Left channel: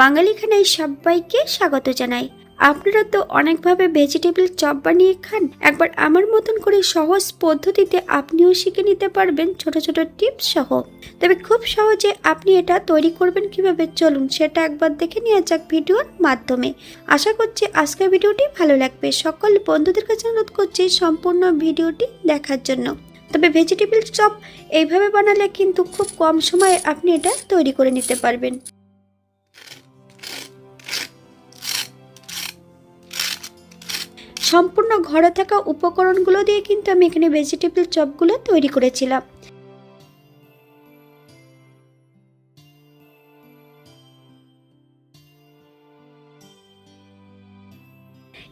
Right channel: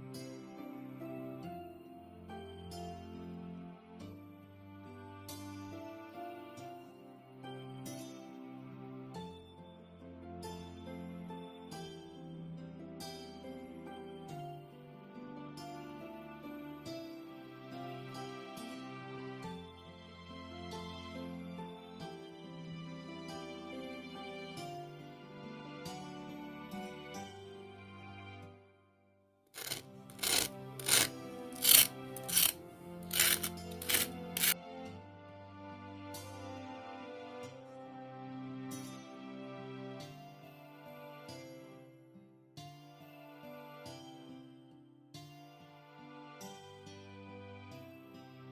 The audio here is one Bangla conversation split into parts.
বাঙালি খানায় সবাইকে স্বাগত জানাই। আপনারা তো অনেকভাবে ভেজিটেবল চপ বানিয়ে খান। একবার আমার মতন করে সহজ পদ্ধতিতে আপনিও শিখে নিতে পারবেন ছোট ছোট টিপস সহ। তবে খুব সহজে আপনি এটা তৈরি করবেন কীভাবে চলুন সেটা একবার দেখে নেওয়া যাক ভিডিওর মাধ্যমে। আশা করছি আজকের ভিডিওটি ভালো লাগবে। সকল বন্ধুদের কাছে অনুরোধ করছি সম্পূর্ণ ভিডিওটি দেখার জন্য। তবে ভেজিটেবল চপ এইভাবে বানালে কিন্তু খুব কম সময়ে আপনি এটা তৈরি করে নিতে পারবেন। সম্পূর্ণ ঘরে থাকা উপকরণগুলো দিয়ে কিন্তু আমি এখানে ভেজিটেবল চপগুলো তৈরি করেছিলাম।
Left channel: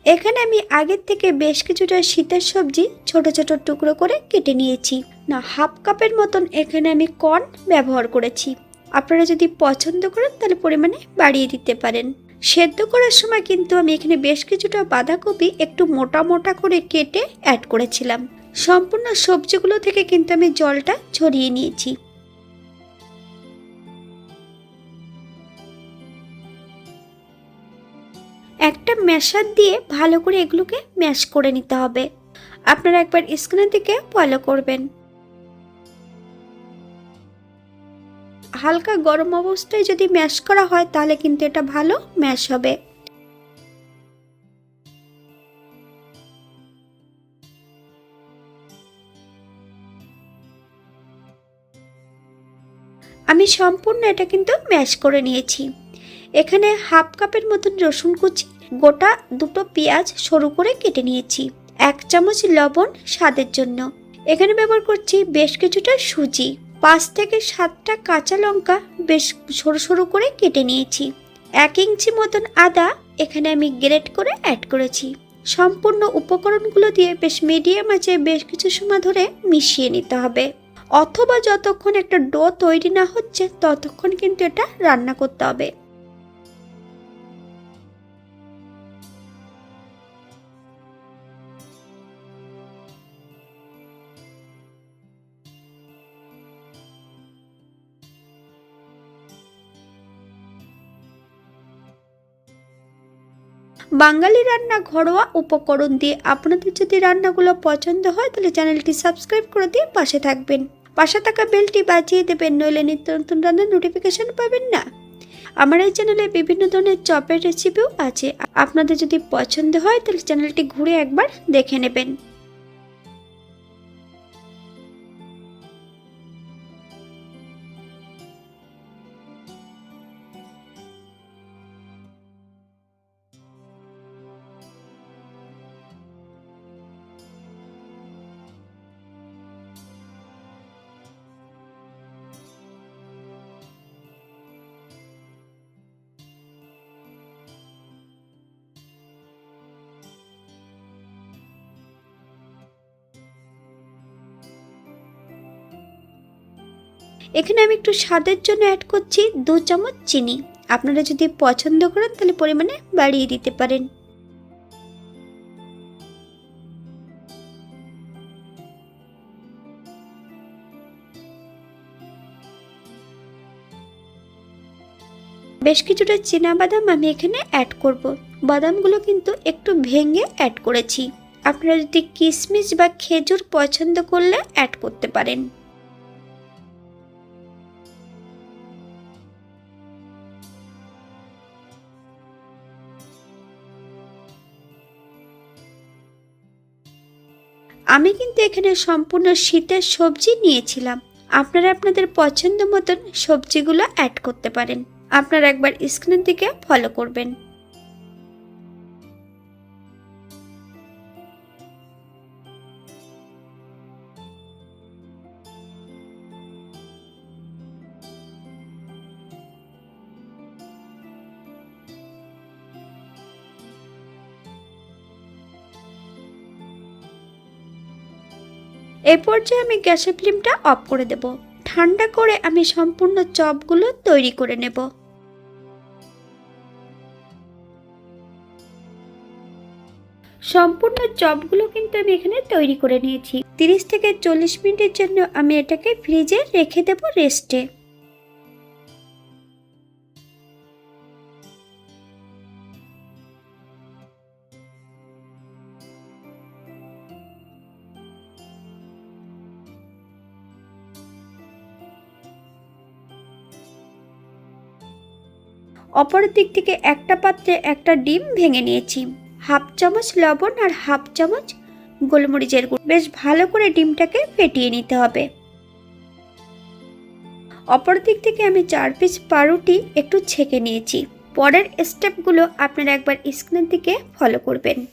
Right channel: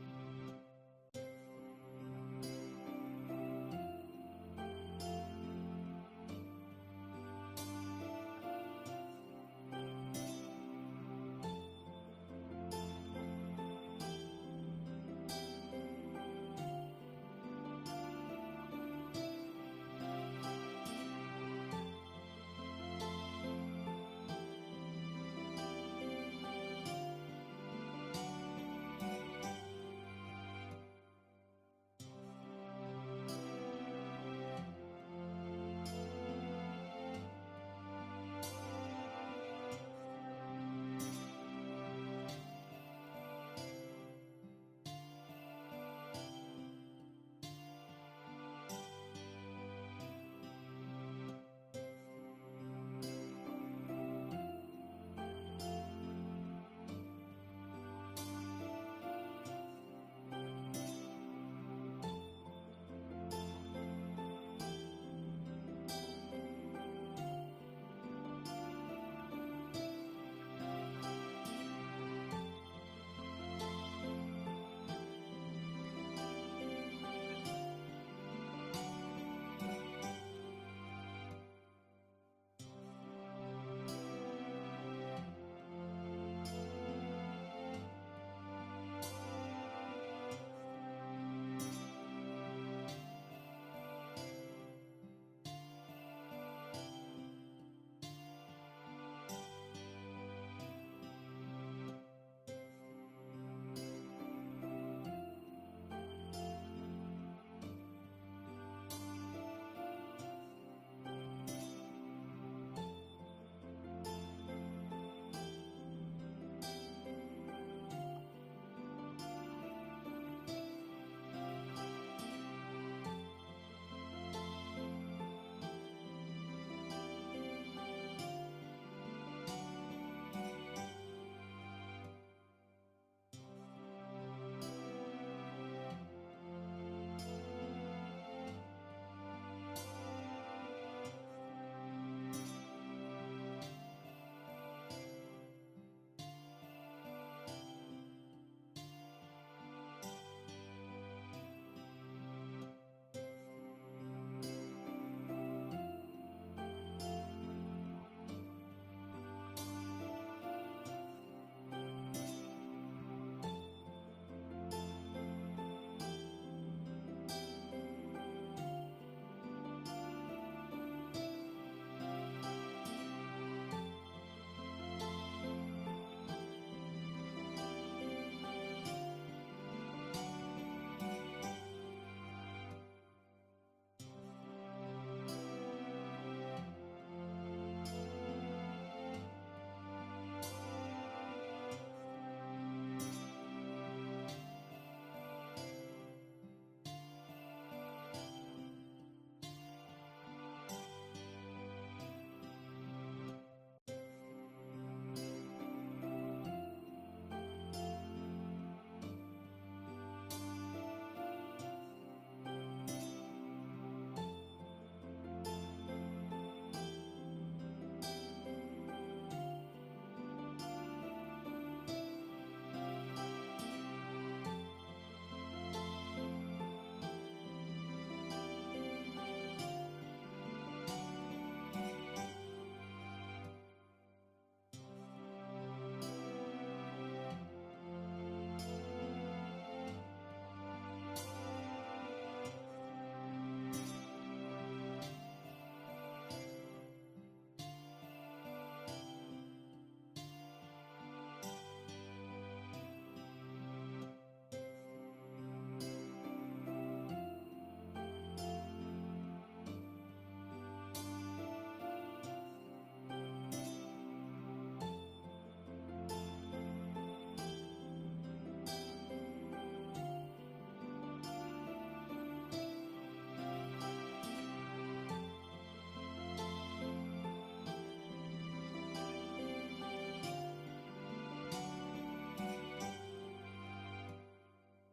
এখানে আমি আগের থেকে বেশ কিছুটা শীতের সবজি ছোট ছোট টুকরো করে কেটে নিয়েছি। না, হাফ কাপের মতন এখানে আমি কর্ন ব্যবহার করেছি। আপনারা যদি পছন্দ করেন তাহলে পরিমাণে বাড়িয়ে দিতে পারেন। সেদ্ধ করার সময় কিন্তু আমি এখানে বেশ কিছুটা বাঁধাকপি একটু মোটা মোটা করে কেটে অ্যাড করেছিলাম। সম্পূর্ণ সবজিগুলো থেকে কিন্তু আমি জলটা ছড়িয়ে নিয়েছি। একটা ম্যাশার দিয়ে ভালো করে এগুলোকে ম্যাশ করে নিতে হবে। আপনারা একবার স্ক্রিনের দিকে ফলো করবেন। হালকা গরম অবস্থায় যদি ম্যাশ করা হয়, তাহলে কিন্তু এটা ভালো ম্যাশ হবে। আমি সম্পূর্ণ এটা কিন্তু ম্যাশ করে নিয়েছি। এখানে হাফ কাপের মতন রসুন কুচি, গোটা দুটো পেঁয়াজ সরু করে কেটে নিয়েছি, এক চামচ লবণ স্বাদের জন্য। এখানে ব্যবহার করছি বেশ কিছুটা সুজি। থেকে সাতটা কাঁচা লঙ্কা বেশ সরু সরু করে কেটে নিয়েছি। এক ইঞ্চি মতন আদা এখানে আমি গ্রেট করে অ্যাড করেছি। সম্পূর্ণ উপকরণগুলো দিয়ে বেশ মিডিয়াম আছে বেশ কিছু সময় ধরে মিশিয়ে নিতে হবে। অথবা যতক্ষণ একটা ডো তৈরি না হচ্ছে, ততক্ষণ কিন্তু এটা রান্না করতে হবে। বাঙালি রান্না ঘরোয়া উপকরণ দিয়ে আপনাদের যদি রান্নাগুলো পছন্দ হয়, তাহলে চ্যানেলটি সাবস্ক্রাইব করে দিয়ে পাশে থাকবেন। পাশে থাকা বেলটি বাজিয়ে দেবেন, নইলে নিত্য নতুন রান্নার নোটিফিকেশান পাবেন না। আমার এই চ্যানেলে বিভিন্ন ধরনের চপের রেসিপিও আছে। আপনাদের যদি পছন্দ হয়, তাহলে চ্যানেলটি ঘুরে একবার দেখে নেবেন। এখানে আমি একটু স্বাদের জন্য অ্যাড করছি দু চামচ চিনি। আপনারা যদি পছন্দ করেন, তাহলে পরিমাণে বাড়িয়ে দিতে পারেন। বেশ কিছুটা চীনা বাদাম আমি এখানে অ্যাড করব। বাদামগুলো কিন্তু একটু ভেঙে অ্যাড করেছি। আপনারা যদি কিশমিশ বা খেজুর পছন্দ করলে অ্যাড করতে পারেন। আমি কিন্তু এখানে সম্পূর্ণ শীতের সবজি নিয়েছিলাম। আপনারা আপনাদের পছন্দ মতন সবজিগুলো অ্যাড করতে পারেন। আপনারা একবার স্ক্রিনের দিকে ফলো করবেন। এই পর্যায়ে আমি গ্যাসের ফ্লেমটা অফ করে দেব। ঠান্ডা করে আমি সম্পূর্ণ চপগুলো তৈরি করে নেব। সম্পূর্ণ চপগুলো কিন্তু আমি এখানে তৈরি করে নিয়েছি। তিরিশ থেকে চল্লিশ মিনিটের জন্য আমি এটাকে ফ্রিজে রেখে দেব রেস্টে। অপর দিক থেকে একটা পাত্রে একটা ডিম ভেঙে নিয়েছি। হাফ চামচ লবণ আর হাফ চামচ গোলমরিচের গুঁড়ো। বেশ ভালো করে ডিমটাকে ফেটিয়ে নিতে হবে। অপর দিক থেকে আমি চার পিস পাউরুটি একটু ছেঁকে নিয়েছি। পরের স্টেপগুলো আপনারা একবার স্ক্রিনের দিকে ফলো করবেন।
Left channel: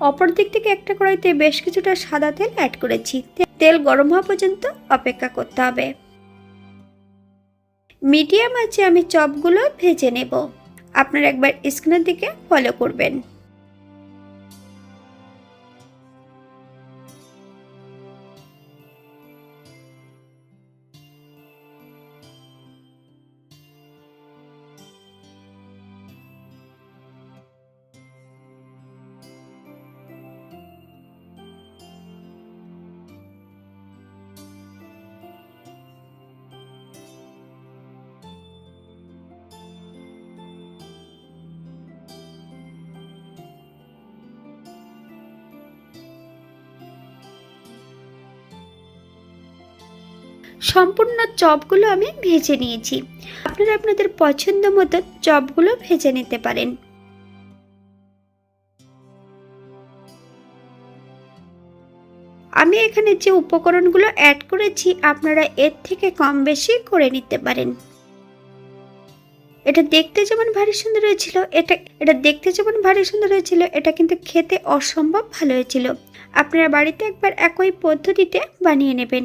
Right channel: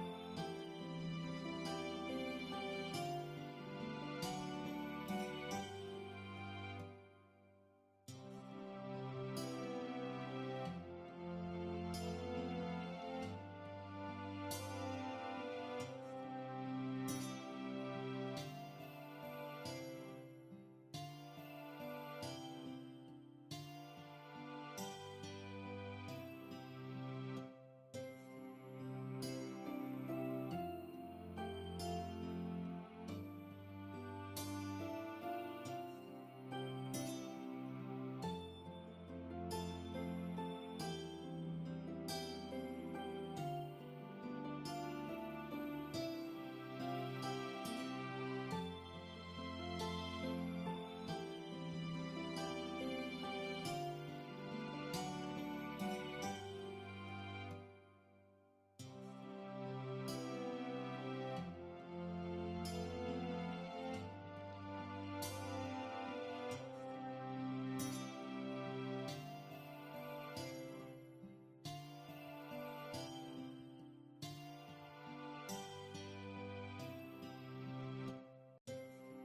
অপর দিক থেকে একটা কড়াইতে বেশ কিছুটা সাদা তেল অ্যাড করেছি। তেল গরম হওয়া পর্যন্ত অপেক্ষা করতে হবে। মিডিয়াম আছে আমি চপগুলো ভেজে নেব। আপনারা একবার স্ক্রিনের দিকে ফলো করবেন। সম্পূর্ণ চপগুলো আমি ভেজে নিয়েছি। আপনারা আপনাদের পছন্দ মতো চপগুলো ভেজে নিতে পারেন। আমি এখানে যে উপকরণগুলো অ্যাড করেছি, আপনারা এর থেকে কম বেশি করে নিতে পারেন। এটা দেখতে যেমন ভারী সুন্দর হয়েছিল, এটা এটা দেখতে যেমন ভারী সুন্দর হয়েছিল, এটা কিন্তু খেতে অসম্ভব ভালো হয়েছিল। আপনারা বাড়িতে একবার একই পদ্ধতিতে বানিয়ে নেবেন।